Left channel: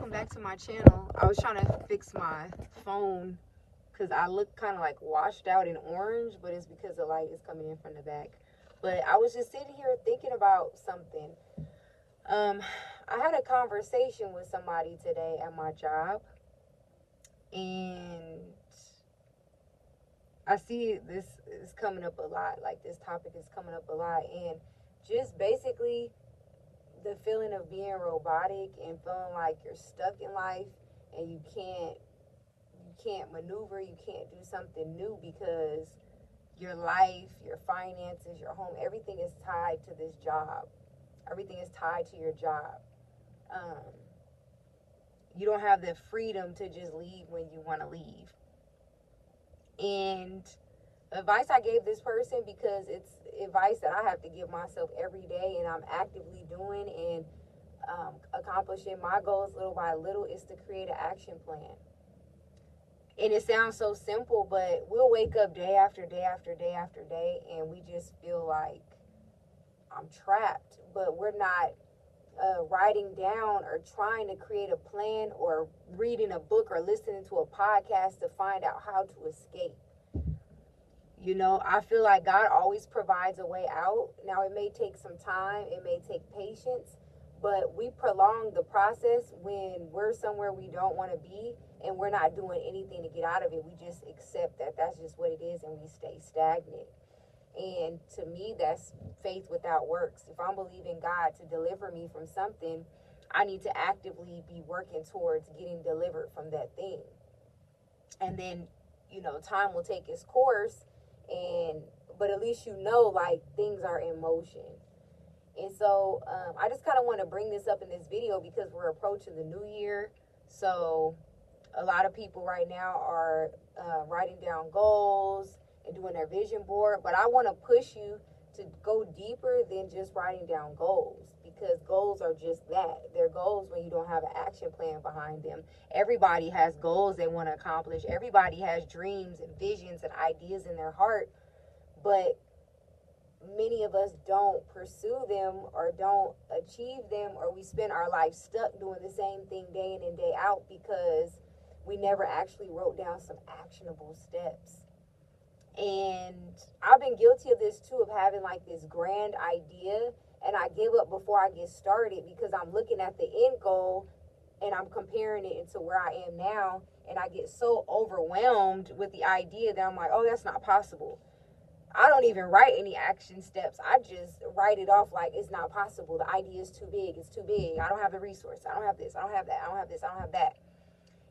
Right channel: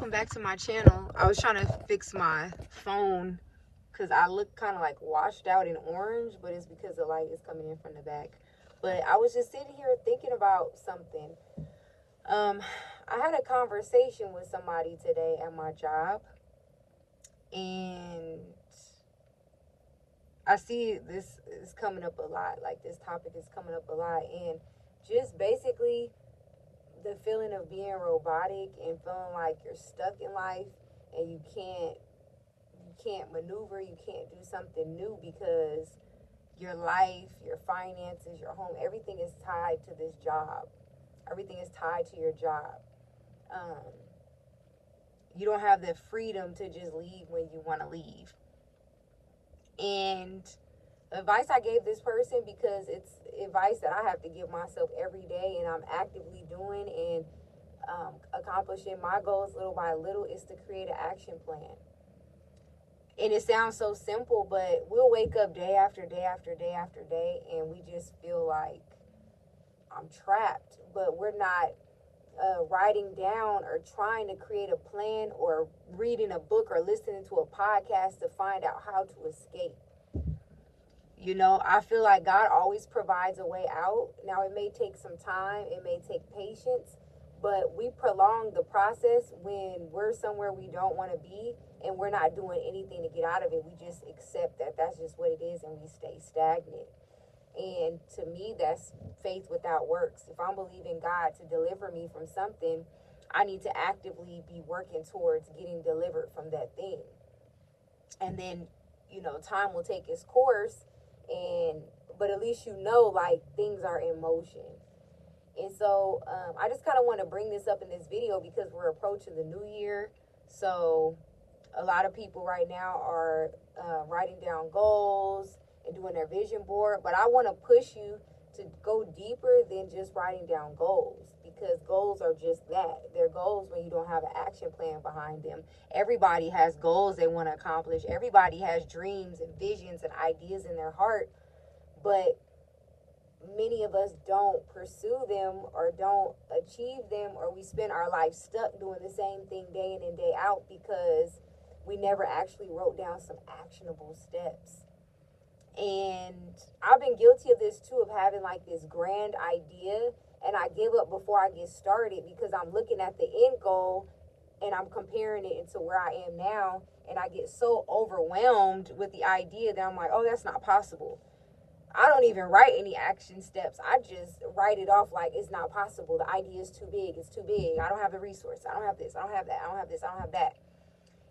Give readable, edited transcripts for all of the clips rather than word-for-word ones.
welcome back to my channel. I was trying to fix my phone because I look kind of like washed out in orange, but it's because the light is coming in from the back. But I was just sitting here thinking about something. I had a conversation with somebody today at my job, and I see this is coming up a lot. Like, this topic is coming up a lot, and just basically the feeling of being robotic and feeling like you're stuck in life and you can't maneuver, you can't do something new because your life, your finances, your home, everything is tied to this job. Everything is tied to your job. You don't have the freedom to just leave when you want to leave. And advice I gave this person, because it's advice that I have to give myself every day and I'm actively doing and accomplishing my goals little by little, is to create an action plan. And it sounds so simple, but we'll wake up day after day after day after day and we just feel like I'm trapped, but we're not writing down or trying to create a plan or reading a book or listening to a podcast to find out how to escape. You know, I feel like God always provides a way out. Now, it may take some time, it may take patience, but we prolong the process when we're somewhere we don't want to be and we're not doing anything to get out of it. We just accept that that's just what it is and we stay stagnant. And to me, that's faith without works. If I'm believing God to deliver me from something, I need to actively be working towards getting delivered from that thing. And then, you know, time will take its course, but at least you know, like, things are in motion. And so I just kind of want to bring this up in this video because we're approaching the new year. So a lot of people right now are writing down goals and doing their vision board, but I want to push you to go deeper than just writing down goals, because goals are just that. They're goals when you don't have an action plan behind them. Everybody has goals they want to accomplish. Everybody has dreams and visions and ideas in their heart, but many of us don't pursue them or don't achieve them, or we spend our life stuck doing the same thing day in and day out because we never actually wrote down some actionable steps. And I've been guilty of this too, of having like this grand idea and I give up before I get started because I'm looking at the end goal and I'm comparing it to where I am now, and I get so overwhelmed with the idea that I'm like, oh, that's not possible. I don't even write any action steps. I just write it off like it's not possible. The idea is too big. It's too big. I don't have the resources. I don't have this. I don't have that. I don't have this. I don't have that.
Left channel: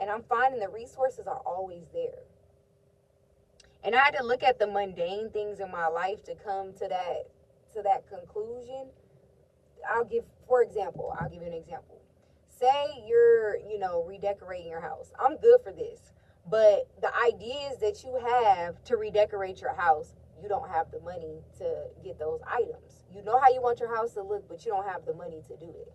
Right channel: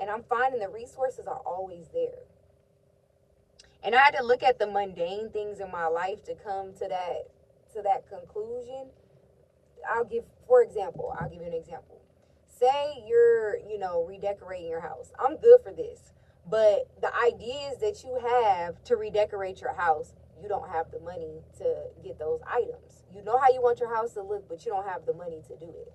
And I'm finding the resources are always there. And I had to look at the mundane things in my life to come to that conclusion. I'll give you an example. Say you're, redecorating your house. I'm good for this. But the ideas that you have to redecorate your house, you don't have the money to get those items. You know how you want your house to look, but you don't have the money to do it.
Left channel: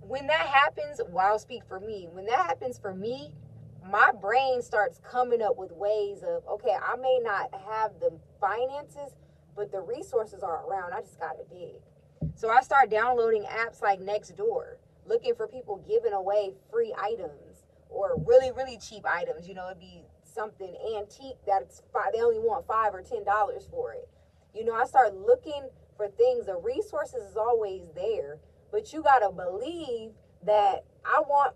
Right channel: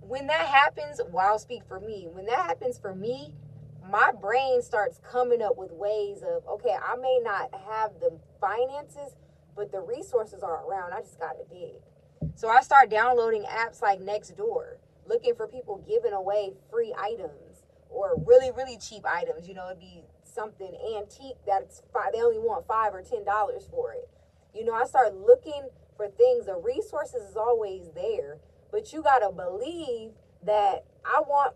When that happens, I'll speak for me. When that happens for me, my brain starts coming up with ways of, okay, I may not have the finances, but the resources are around. I just got to dig. So I start downloading apps like Nextdoor, looking for people giving away free items or really, really cheap items. It'd be something antique that's they only want $5 or $10 for it. I start looking for things. The resources is always there, but you got to believe that I want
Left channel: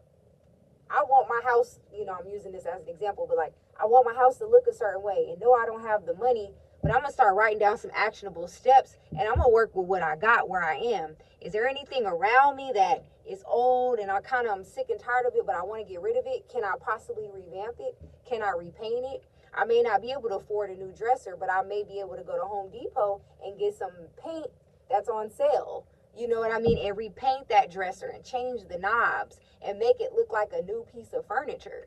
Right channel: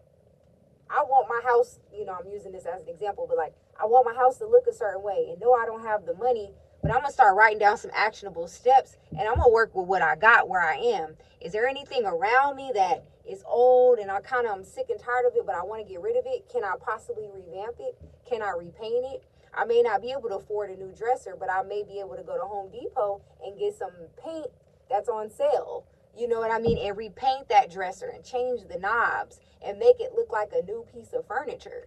my house, I'm using this as an example, but like, I want my house to look a certain way, and no, I don't have the money, but I'm going to start writing down some actionable steps, and I'm going to work with what I got where I am. Is there anything around me that is old and I'm sick and tired of it, but I want to get rid of it? Can I possibly revamp it? Can I repaint it? I may not be able to afford a new dresser, but I may be able to go to Home Depot and get some paint that's on sale. You know what I mean? And repaint that dresser and change the knobs and make it look like a new piece of furniture.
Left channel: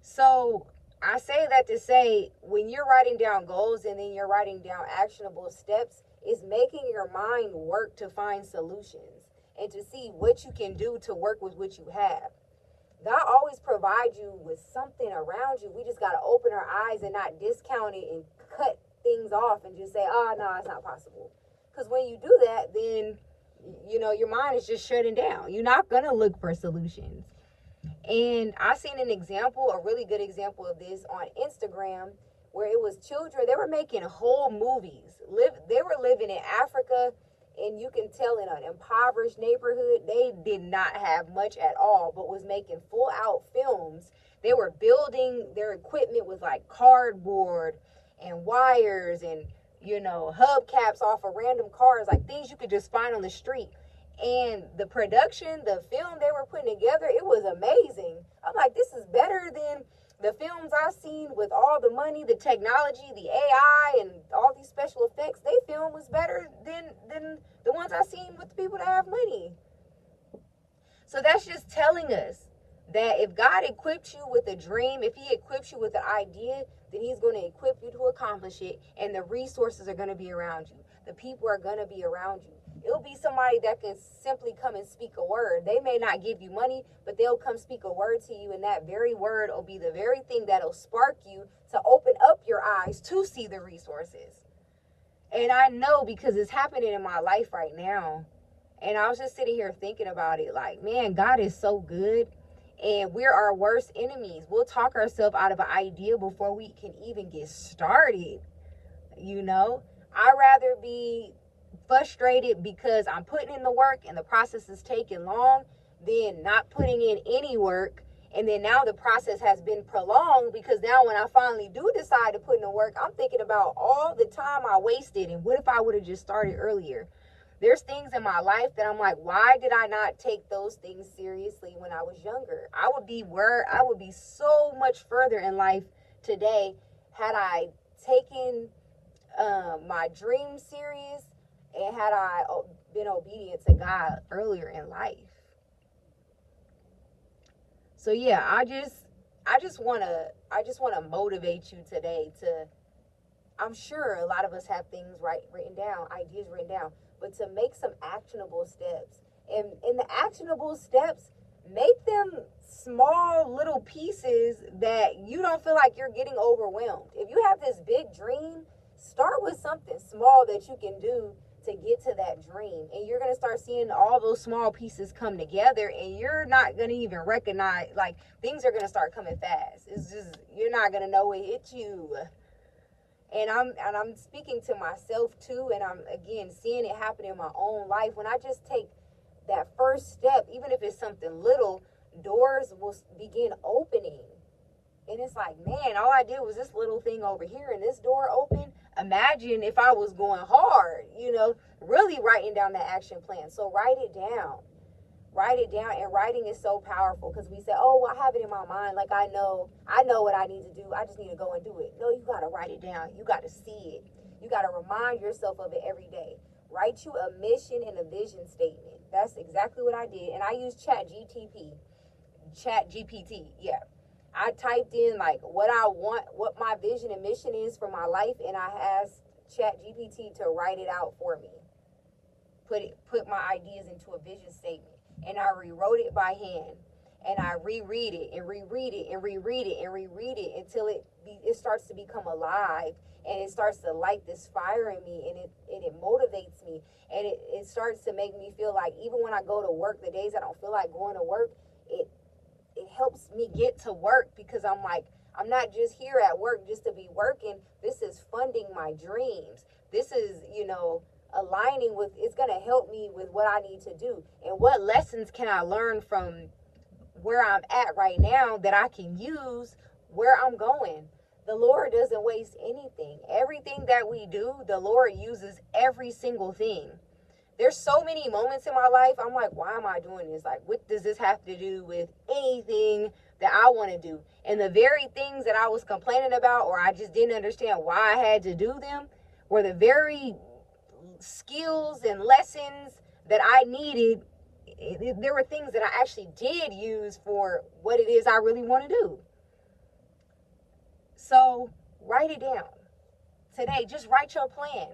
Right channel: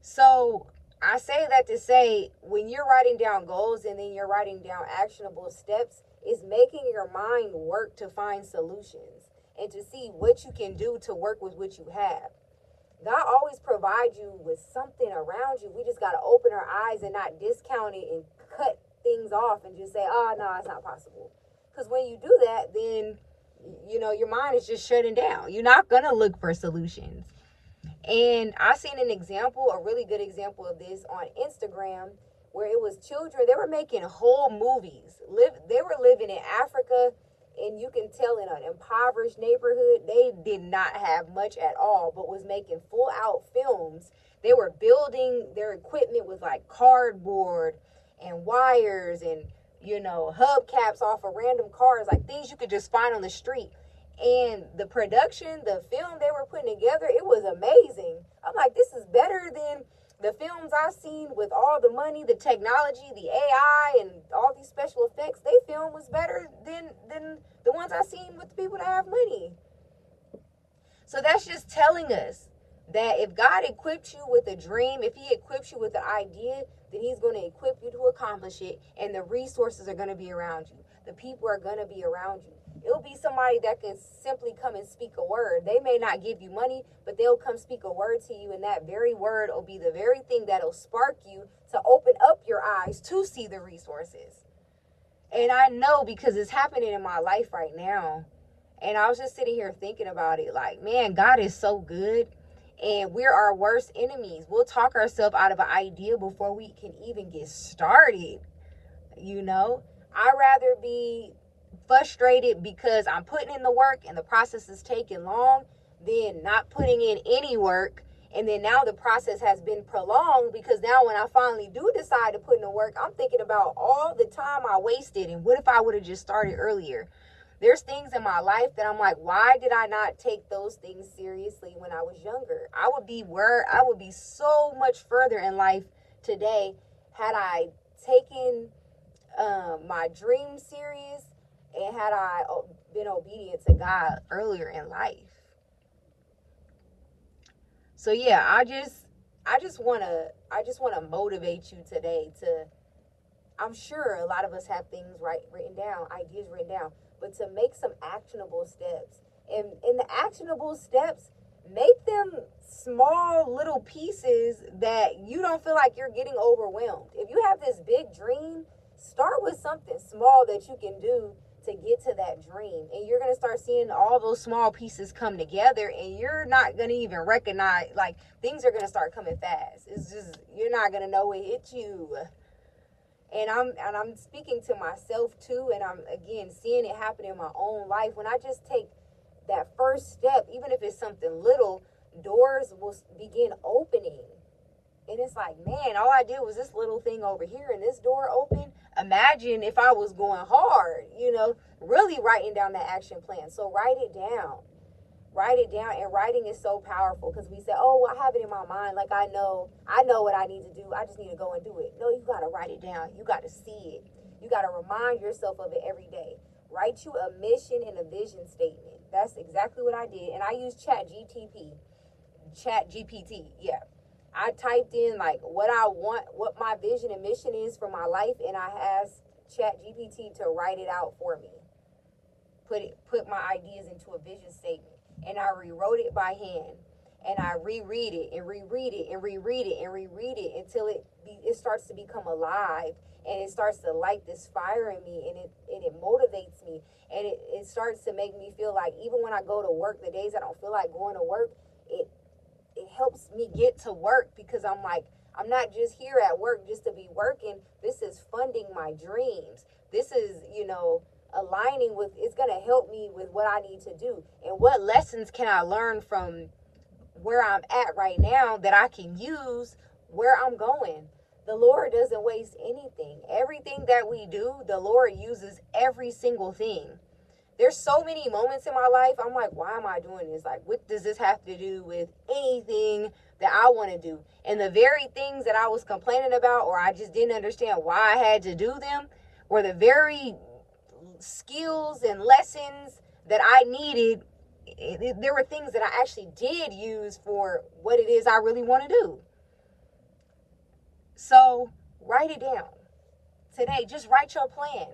So I say that to say, when you're writing down goals and then you're writing down actionable steps, it's making your mind work to find solutions and to see what you can do to work with what you have. God always provides you with something around you. We just got to open our eyes and not discount it and cut things off and just say, oh, no, it's not possible. Because when you do that, then You know, your mind is just shutting down. You're not going to look for solutions. And I seen an example, a really good example of this on Instagram, where it was children. They were making whole movies. They were living in Africa, and you can tell in an impoverished neighborhood, they did not have much at all, but was making full out films. They were building, their equipment was like cardboard and wires and, you know, hubcaps off of random cars, like things you could just find on the street. And the production, the film they were putting together, it was amazing. I'm like, this is better than the films I've seen with all the money, the technology, the AI, and all these special effects. They film was better than the ones I've seen with the people that have money. So that's just telling us that if God equipped you with a dream, if he equips you with an idea, then he's going to equip you to accomplish it, and the resources are going to be around you. The people are going to be around you. It'll be somebody that can simply come and speak a word. They may not give you money, but they'll come speak a word to you, and that very word will be the very thing that'll spark you to open up your eyes to see the resources. And I know because it's happening in my life right now. And I was just sitting here thinking about it like, man, God is so good. And we're our worst enemies. We'll talk ourselves out of an idea before we can even get started. You know, I'd rather be frustrated because I'm putting in the work and the process is taking long than not putting in any work. And then now the process has been prolonged because now when I finally do decide to put in the work, I'm thinking about all the time I wasted and what if I would have just started earlier. There's things in my life that I'm like, why did I not take those things seriously when I was younger? I would be so much further in life today had I taken my dream serious and had I been obedient to God earlier in life. So yeah, I just wanna motivate you today to. I'm sure a lot of us have things written down, ideas written down, but to make some actionable steps. And in the actionable steps, make them small little pieces that you don't feel like you're getting overwhelmed. If you have this big dream, start with something small that you can do to get to that dream. And you're going to start seeing all those small pieces come together, and you're not going to even recognize, like, things are going to start coming fast. It's just, you're not going to know it hit you. And I'm speaking to myself too, and I'm again seeing it happen in my own life. When I just take that first step, even if it's something little, doors will begin opening. And it's like, man, all I did was this little thing over here and this door opened. Imagine if I was going hard, really writing down the action plan. So write it down. Write it down, and writing is so powerful because we say, oh, well, I have it in my mind. Like, I know what I need to do. I just need to go and do it. No, you got to write it down. You got to see it. You got to remind yourself of it every day. Write you a mission and a vision statement. That's exactly what I did. And I use Chat GPT. Yeah. I typed in like what I want, what my vision and mission is for my life. And I asked Chat GPT to write it out for me. Put my ideas into a vision statement. And I rewrote it by hand, and I reread it and reread it and reread it and reread it until it starts to become alive, and it starts to light this fire in me, and it motivates me, and it starts to make me feel like even when I go to work, the days I don't feel like going to work, it helps me get to work because I'm like, I'm not just here at work just to be working. This is funding my dreams. This is, aligning with, it's going to help me with what I need to do. And what lessons can I learn from where I'm at right now that I can use where I'm going? The Lord doesn't waste anything. Everything that we do, the Lord uses every single thing. There's so many moments in my life, I'm like, why am I doing this? Like, what does this have to do with anything that I want to do? And the very things that I was complaining about, or I just didn't understand why I had to do them, were the very skills and lessons that I needed. There were things that I actually did use for what it is I really want to do. So write it down today. Just write your plan.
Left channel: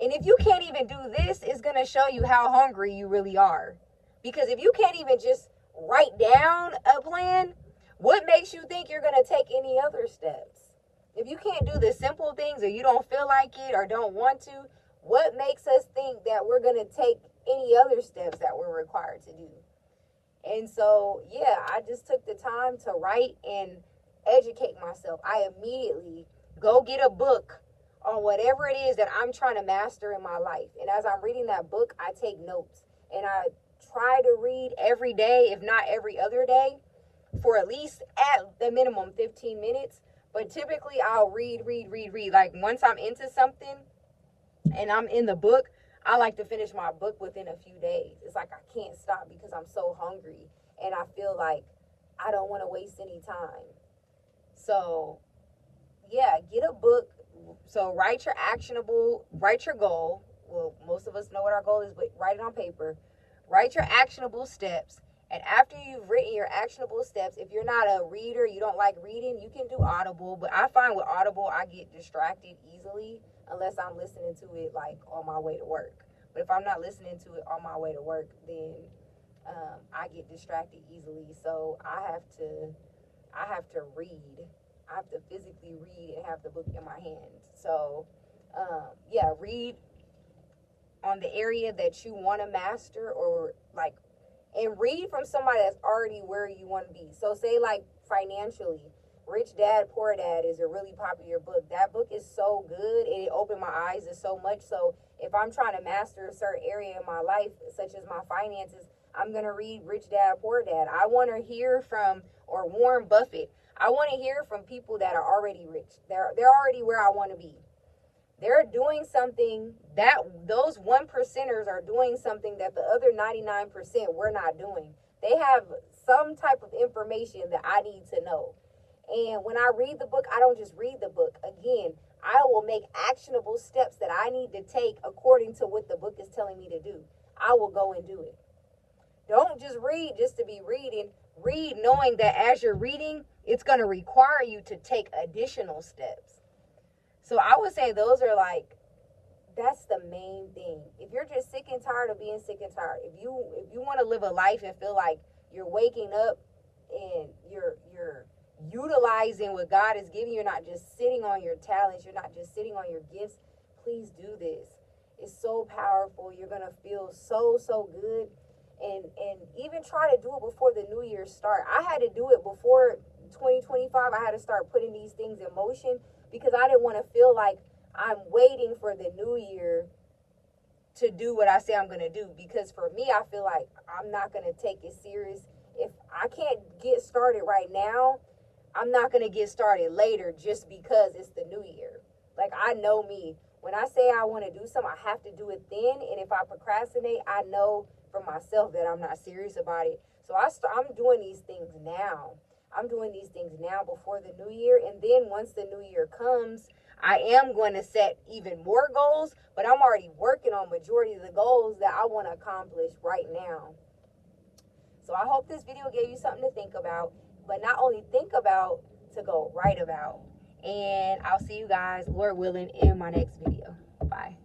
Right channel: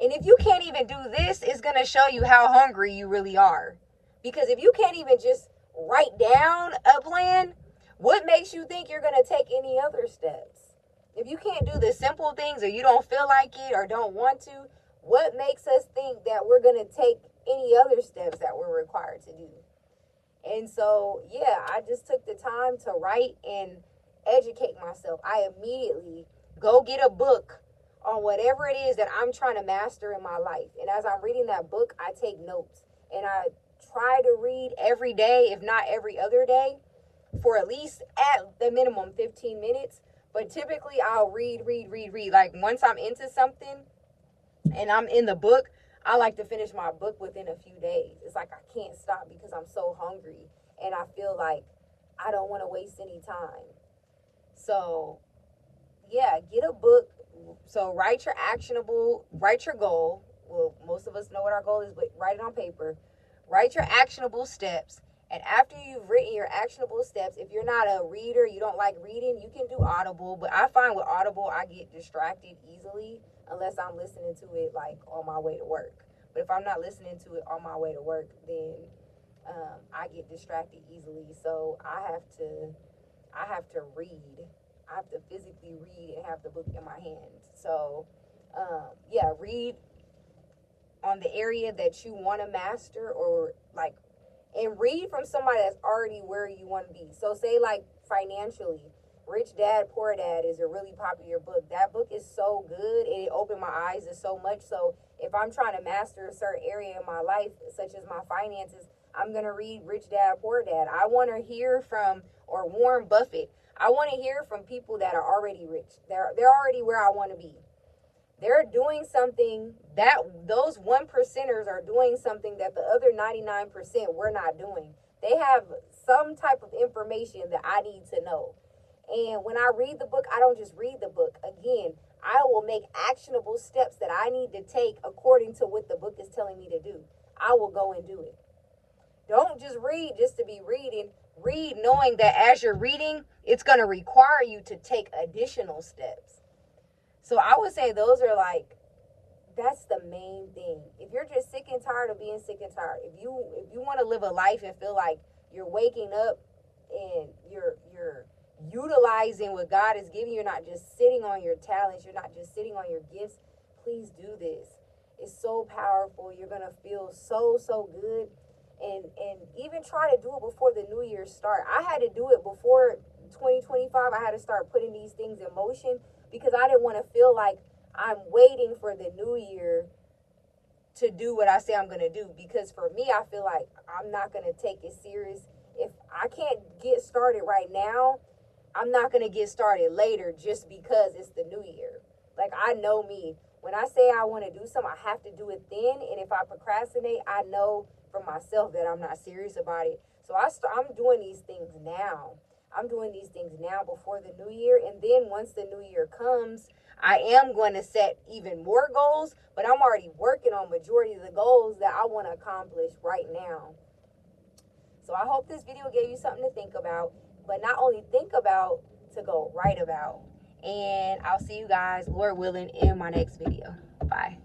And if you can't even do this, it's going to show you how hungry you really are. Because if you can't even just write down a plan, what makes you think you're going to take any other steps? If you can't do the simple things, or you don't feel like it or don't want to, What makes us think that we're going to take any other steps that we're required to do? And so, yeah, I just took the time to write and educate myself. I immediately go get a book on whatever it is that I'm trying to master in my life. And as I'm reading that book, I take notes. And I try to read every day, if not every other day, for at least at the minimum 15 minutes. But typically I'll read. Like once I'm into something and I'm in the book, I like to finish my book within a few days. It's like I can't stop because I'm so hungry and I feel like I don't want to waste any time. So, yeah, get a book. So, write your goal. Well, most of us know what our goal is, but write it on paper. Write your actionable steps. And after you've written your actionable steps, if you're not a reader, you don't like reading, you can do Audible. But I find with Audible, I get distracted easily unless I'm listening to it like on my way to work. But if I'm not listening to it on my way to work, then I get distracted easily. So I have to read. I have to physically read and have the book in my hands. So yeah, read on the area that you want to master, or like, and read from somebody that's already where you want to be. So say like financially, Rich Dad Poor Dad is a really popular book. That book is so good. It opened my eyes to so much. So if I'm trying to master a certain area in my life, such as my finances, I'm going to read Rich Dad Poor Dad. I want to hear from, or Warren Buffett. I want to hear from people that are already rich. They're already where I want to be. They're doing something that those 1%ers are doing something that the other 99% we're not doing. They have some type of information that I need to know. And when I read the book, I don't just read the book. Again, I will make actionable steps that I need to take according to what the book is telling me to do. I will go and do it. Don't just read just to be reading. Read knowing that as you're reading, it's going to require you to take additional steps. So I would say those are like, that's the main thing. If you're just sick and tired of being sick and tired, if you want to live a life and feel like you're waking up and you're utilizing what God is giving you, you're not just sitting on your talents, you're not just sitting on your gifts, please do this. It's so powerful. You're gonna feel so good. And even try to do it before the new year start. I had to do it before 2025. I had to start putting these things in motion because I didn't want to feel like I'm waiting for the new year to do what I say I'm going to do. Because for me, I feel like I'm not going to take it serious. If I can't get started right now, I'm not going to get started later just because it's the new year. Like, I know me. When I say I want to do something, I have to do it then. And if I procrastinate, I know for myself that I'm not serious about it. So I'm doing these things now. I'm doing these things now before the new year. And then once the new year comes, I am going to set even more goals, but I'm already working on majority of the goals that I want to accomplish right now. So I hope this video gave you something to think about, but not only think about, to go write about. And I'll see you guys, Lord willing, in my next video. Bye.